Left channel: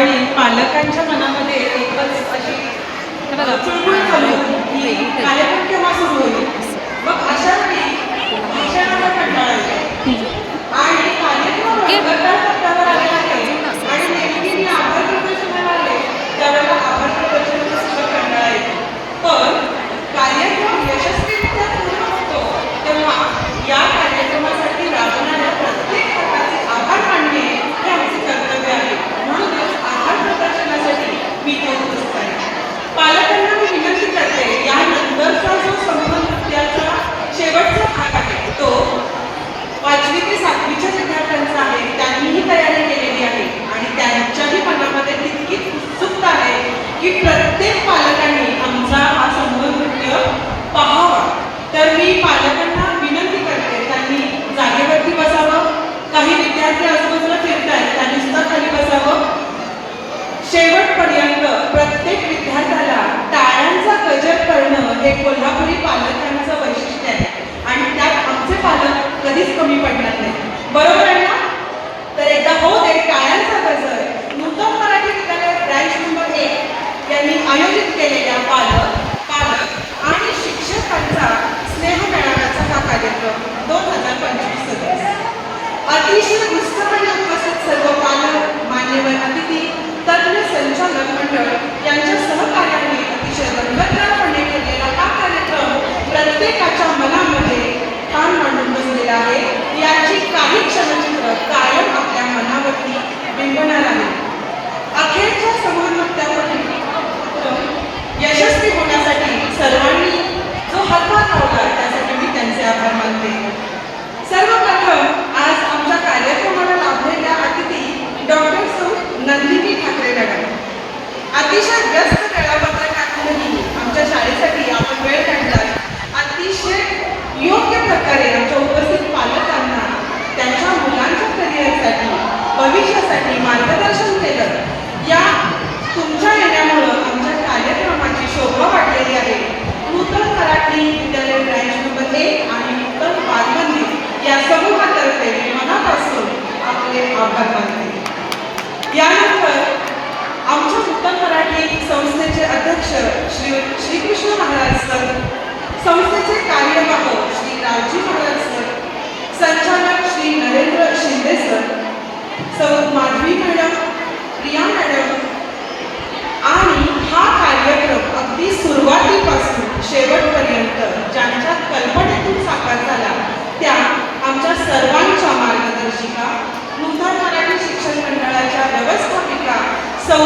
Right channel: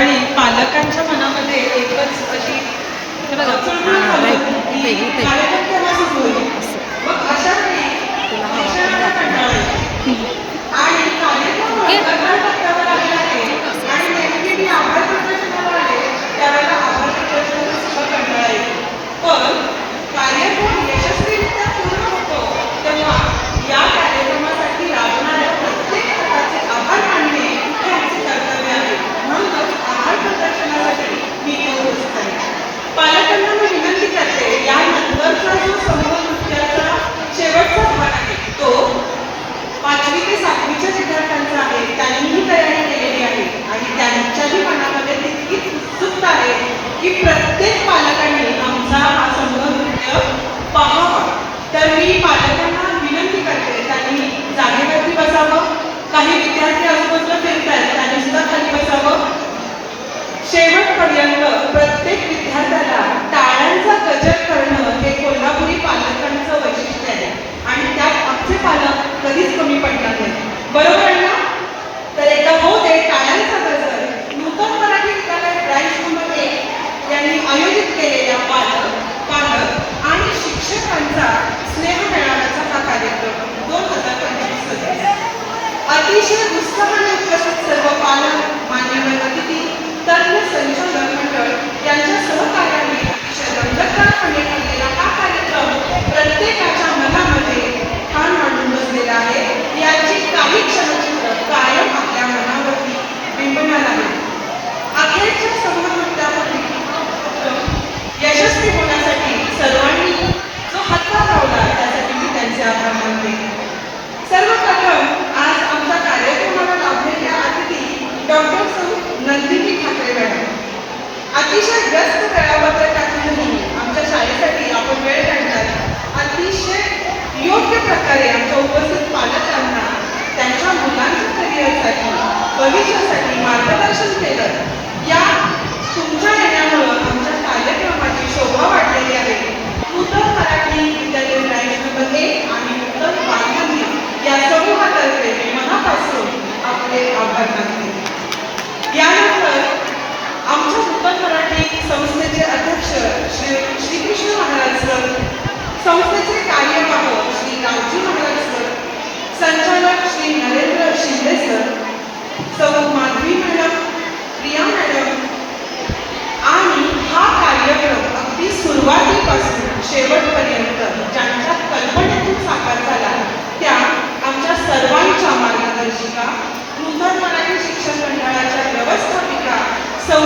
त्यावेळी पालकांच्या मनामध्ये एकच अशी चुळबुळ झाली होती की कार्यक्रम केव्हा सुरू होईल. मग अशा वेळी शिक्षणाचा कंटाळा येतो आणि कार्यक्रम रंगारंग टप्प्यावर आलेला आहे आणि नेमकी मी आभार प्रदर्शनाला आले त्यावेळेला आभार प्रदर्शनाचा सुद्धा कंटाळा येतो. पण कार्यक्रम यशस्वीरित्या पूर्ण होतो तेव्हा या कार्यक्रमासाठी लागणाऱ्या प्रत्येक प्रकारचे आभार मानणे हे आमचे कर्तव्य आहे. म्हणूनच आभार प्रदर्शनासाठी मी उपस्थित आहे. पालकांना मी विनंती करते, यानंतरचा जो समूह नृत्याचा शेवटचा भाग आहे तो 5वी ते 7वीच्या विद्यार्थ्यांचा आहे. त्यांनीही तयारी केलेली आहे आणि त्यांच्याही मनामध्ये तितकीच उत्सुकता आहे की प्रत्येक पालकांनी आमचा हा समूह नृत्य पाहावा. तर मी पालकांना विनंती करते, त्यांनी जागेवरती बसावं. काही विद्यार्थी आजूबाजूला फिरत आहेत, त्यांनी सुद्धा खाली बसावं. शेवटपर्यंत प्रत्येक विद्यार्थ्याला टाळ्यांचा गजर करणं हे कोल्हापुरी पालकांचं वैशिष्ट्य आहे आणि त्यात आमचे पालक कधीच कमी पडणार नाहीत. बरोबर आहे ना? तर एकदा हो दे टाळ्यांचा गजर. नूतन मराठी विद्यालय ब्रँच नंबर 1 यांनी आयोजित केलेल्या पालक आणि शिक्षकांचा स्नेह मेळाव्याचा हा कार्यक्रम 2025 अतिशय उत्साहाने उपस्थित सर्व पालक, मान्यवर अतिथी, तज्ञ संचालक मंडळ यांच्या सहकार्याने अतिशय रंगतदारपणे केलेला हा कार्यक्रम प्रत्येकाच्या मनामध्ये ठाण मांडून बसलेला आहे. याची काही क्षणचित्र कायम आपल्या मनावरती बिंबणार आहे. अखेरच्या समूह नृत्यापूर्वी यशस्वी होण्यासाठी सर्वांनी जो हातभार लावला त्यासाठी मी त्यांचे आभार मानते. सर्वप्रथम आज आमच्या कार्यक्रमाला लाभलेल्या अतिथी डॉक्टर सौ नंदिनी ठाकरे मॅडम. अतिशय व्यस्त वेळापत्रक टाकूनही आमच्या शाळेसाठी आपण वेळ काढला. अतिशय योग्य प्रकारे आमच्या उपस्थित पालकांना त्यांच्या मुलांच्या करिअरसाठी, भविष्यासाठी मार्गदर्शन केलं. या तुमच्या येण्यामुळं आमच्या कार्यक्रमाची शोभा वाढलेली आहे. नूतन मराठी विद्यालय ब्रँच नंबर 1 आणि नूतन बालमंदिर या समूहातर्फे मनापासून आपले आभार मानते. यानंतर आमच्या नूतन मराठी संस्थेचे अध्यक्ष श्रीकृष्ण महाराज सर, संस्थेचे कार्यवाह श्री रावजी महाराज सर, संचालक श्री नरेंद्र शिंदे सर, सौ माधवी मॅडम, प्रिया मॅडम आणि हा कार्यक्रम अगदी सुरुवातीपासून शेवटपर्यंत ज्यांच्या कल्पनेतून साकार झाला त्या आमच्या सर्वांच्या मार्गदर्शिका, नूतन मराठी शिक्षण मंडळाच्या व्यवस्थापिका सौ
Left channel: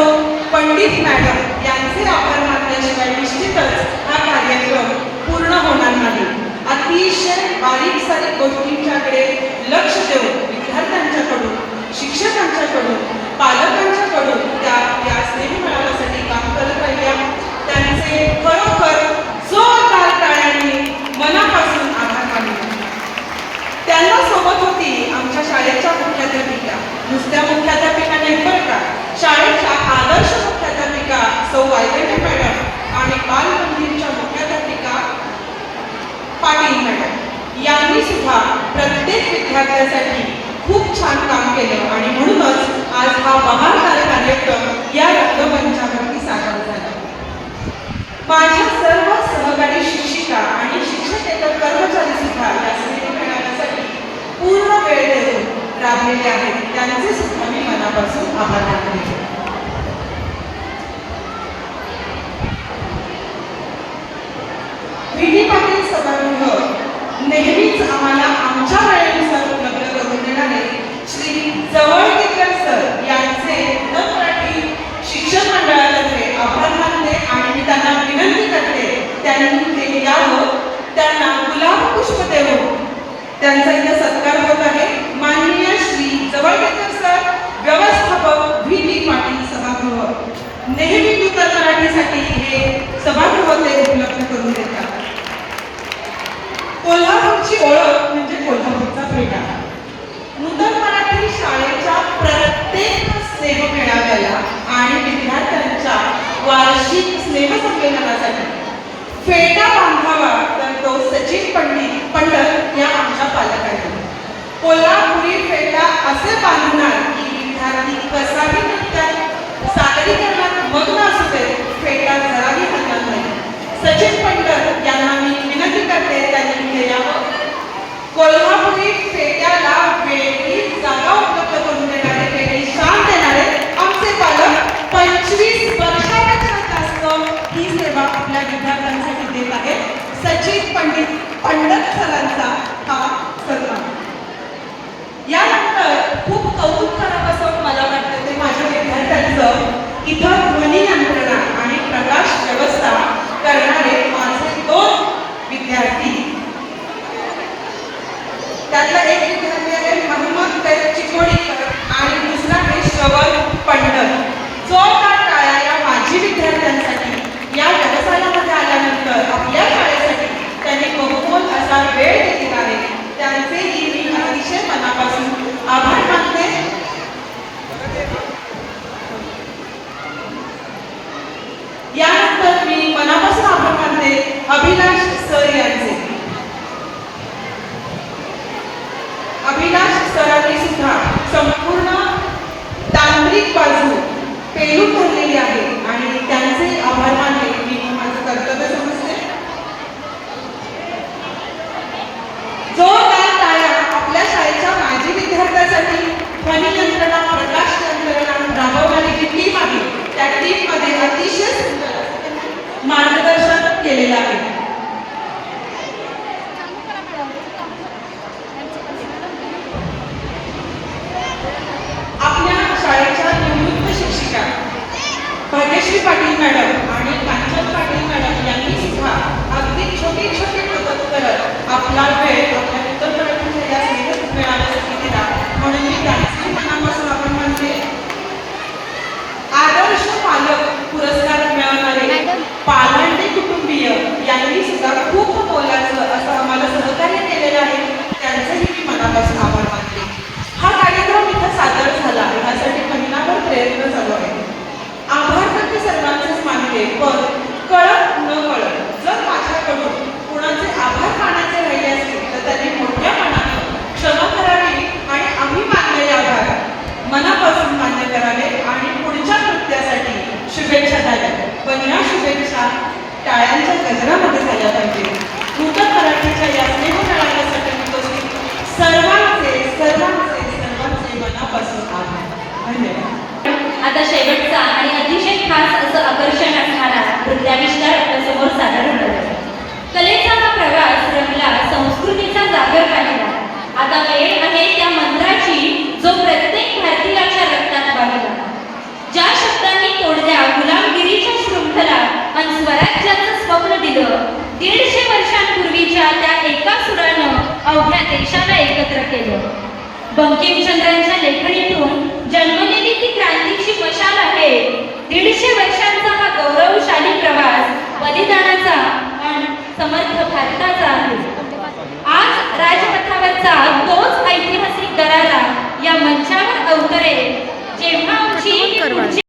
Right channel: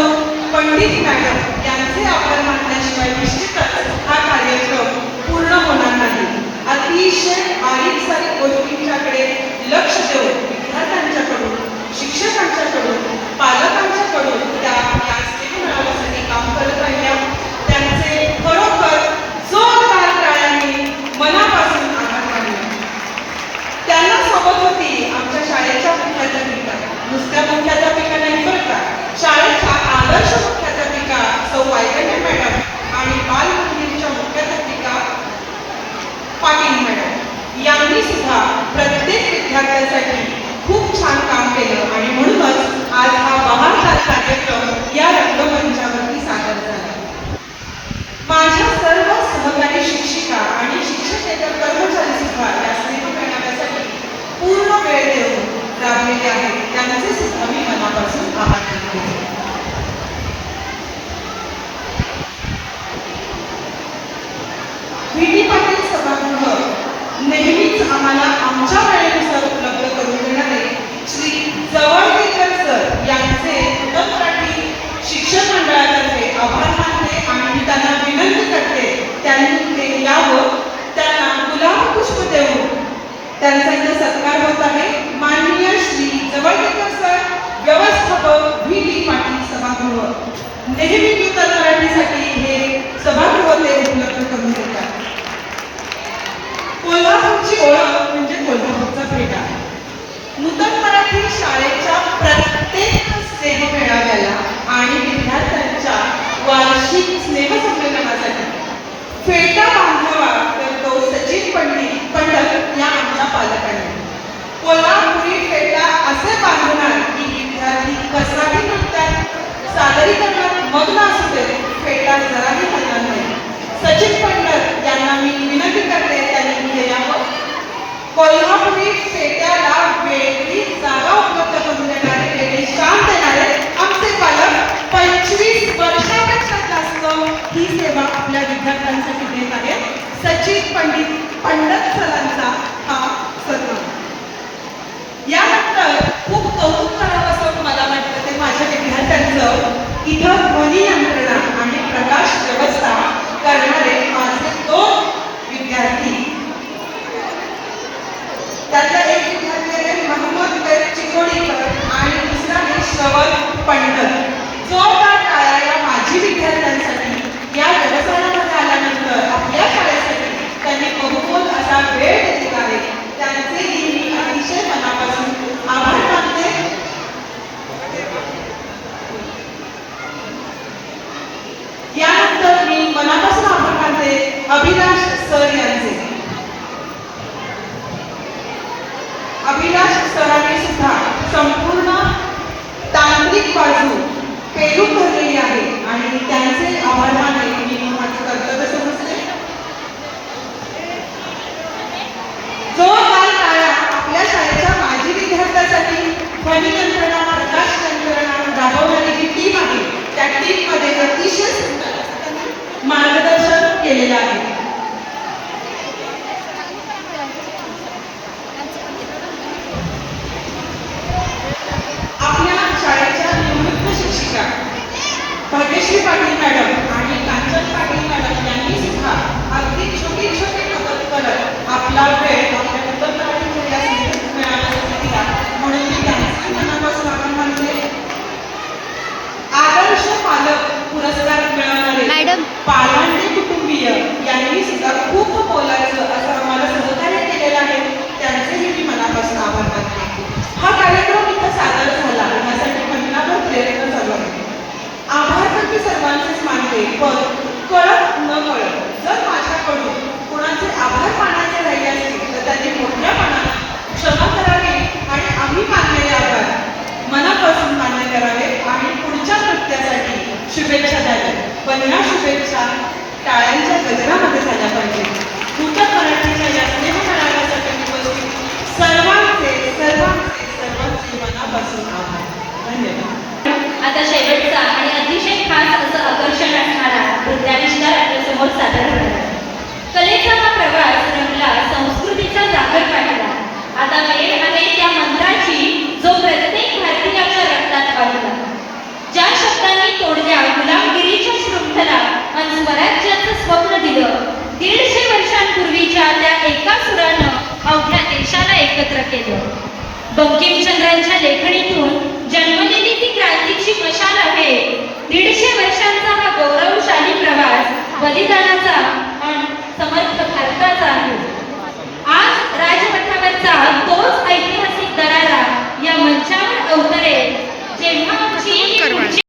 पंडित मॅडम यांचे आभार मानल्याशिवाय निश्चितच हा कार्यक्रम पूर्ण होणार नाही. अतिशय बारीक सारीक गोष्टींच्याकडे लक्ष देऊन विद्यार्थ्यांच्याकडून, शिक्षकांच्याकडून, पालकांच्याकडून त्या या स्नेह मेळाव्यासाठी काम करत राहिल्या. त्यांचे खरोखर जोरदार टाळ्यांनी मनापासून आभार मानले. त्यांना सोबत होती आमच्या शाळेच्या मुख्याध्यापिका, नुसत्या मुख्याध्यापिका नाही बरं का, शाळेच्या आदर्श मुख्याध्यापिका सौ वायगंडे मॅडम आणि बालमंदिरच्या मुख्याध्यापिका पाटील मॅडम यांनी सुद्धा प्रत्येक विद्यार्थ्यांसाठी खूप छान काम केलं आणि म्हणूनच आज हा बहारदार कार्यक्रम या रंगमंचावरती सादर झाला. माझ्या सर्व सहकारी शिक्षिका आणि शिक्षकेतर कर्मचारी सुद्धा या स्नेह मेळाव्यासाठी पूर्ण वेळ देऊन राबलेले आहेत. त्यांचे सुद्धा मी मनापासून आभार मानते. व्ही.डी. पाटील सभागृह नेहमीच आम्हाला आमच्या वेळेनुसार उपलब्ध करून देणारे श्री जवळकेकर सर यांचे नूतन मराठी शिक्षण मंडळातर्फे आभार मानते आणि मी त्यांना विनंती करते त्यांनी ते यावं. त्यांना गुलाब पुष्प देऊन त्यांचा इथे सत्कार होत आहे. माननीय श्री जवळकेकर सर, व्यवस्थापक व्ही.डी. पाटील सभागृह, नेहमी नूतन मराठीसाठी हे सभागृह ते उपलब्ध करून देतात. कोल्हापूरची ओळख म्हणजे कोल्हापूरचा पेढा. नूतन मराठी शाळेच्या प्रत्येक स्नेह मेळाव्याला आणि विद्यार्थ्यांच्या वार्षिक स्नेह संमेलनासाठी फेटा बांधावा तर तो सचिन पंडित या आमच्या पालकांनी. कोल्हापुरी फेटा असे बांधणार की विद्यार्थी कसाही नृत्यात सादरीकरणात मग्न असू दे, फेटा जराही हलणार नाही. सचिन पंडित यांना मी विनंती करते त्यांनी केल्यावर कोल्हापुरी फेट्याला वेगळी जागा उपलब्ध करून देणारे, वेगळी शान देणारे आमचे पालक 25 वर्षापेक्षा जास्त ही सेवा आपल्या विद्यार्थ्यांसाठी देत आहेत. सचिन पंडित सरांचा हा सन्मान. यानंतर खूप कौतुक करावं असं मला वाटतं ते माझ्या विद्यार्थ्यांचं, इथं ध्वनी यंत्रणा आणि प्रकाश व्यवस्था करणारे माझे 2 विद्यार्थी. त्यातला एक विद्यार्थी आहे मोहम्मद चिकोडीकर आणि दुसरा आहे श्रवण पंडित. जोरदार टाळ्या या माजी विद्यार्थ्यांसाठी या व्यवसायामध्ये आल्यानंतर आपल्या शाळेसाठी त्यांनी बहुमोल असा वेळ दिला आहे. त्यांचेही मी अतिशय मनापासून आभार मानते. यानंतर मी मनापासून आभार मानते अभिलाष सर यांचे. अभिलाष सरांनी सुद्धा संपूर्ण तांत्रिक बाजू पेलून धरलेली आहे आणि त्यांचे आभार मानणे मी माझं कर्तव्य समजते. जोरदार टाळ्या आपल्या शाळेच्या माजी विद्यार्थ्यांसाठी. ध्वनी यंत्रणा, प्रकाश यंत्रणा राबवणारी जी टीम आहे त्या टीममध्ये अतिशय सुंदर मार्गदर्शन केलेलं आहे. आपल्या शाळेच्या निवृत्त शिक्षिका भाग्यश्री पाटील मॅडम आणि कांचन पाटील मॅडम यांनी सुद्धा अगदी छोटी छोटी मदत करत आपला वेळ आपल्या विद्यार्थ्यांच्या मिळाव्यासाठी दिला, म्हणून मी त्यांचे मनापासून आभार मानते. आदर्श पालक पुरस्कार मिळवणारे पालांडे कुटुंबीय यांनी सुद्धा खूप मोलाचं असं आम्हाला सहकार्य केलेलं आहे. त्यांचेही मी मनापासून आभार मानते. हा कार्यक्रम इथं सादर झाला ह्यासाठी महिनाभर प्रयत्न चालू आहे. आभार तर मी सर्वांचेच मानते, पण कळत न कळत जर माझ्याकडून कुणाचे आभार मानायचे राहिले असतील तर त्यांनी मोठ्या मनाने क्षमा करावी आणि आम्ही मानलेले आभार मनापासून मान्य करावे आणि पुढच्या कृत्यासाठी शुभेच्छा द्याव्या. पण या शुभेच्छा टाळ्यांच्या गजरामध्ये झाल्या पाहिजे. नूतन मराठीच्या या स्नेह मिळाल्यासाठी उपस्थित सर्वांचे मनापासून आभार. धन्यवाद. आता शेवटचा आणि अतिशय खास असं आकर्षण असणारा नृत्याविष्कार आपल्यासमोर सादर होणार आहे. कलेचा हा प्रवास रंगला, संस्कृतीचा जागर पाहिला. आता वेळ आहे त्या मंत्राची जो प्रत्येक भारतीयाच्या रक्तात वाहिला. ज्या शब्दांनी तोडल्या गुलामगिरीच्या शृंखला आणि स्वराज्याचं स्वप्न दिलं, 150 वर्षांपूर्वीच्या त्या एका सुरानं अवघ्या देशाला एकत्र केलं. बंकिमचंद्रांच्या लेखणीतून जन्मलेली ती क्रांतीची मशाल आहे. 150 वर्षांचा हा गौरवशाली प्रवास बलिदानाचा आणि समर्थ भारताचा आहे. आज राजपथावरचा तोच ऐतिहासिक दरारा या मंचावर अवतरेल जेव्हा आमची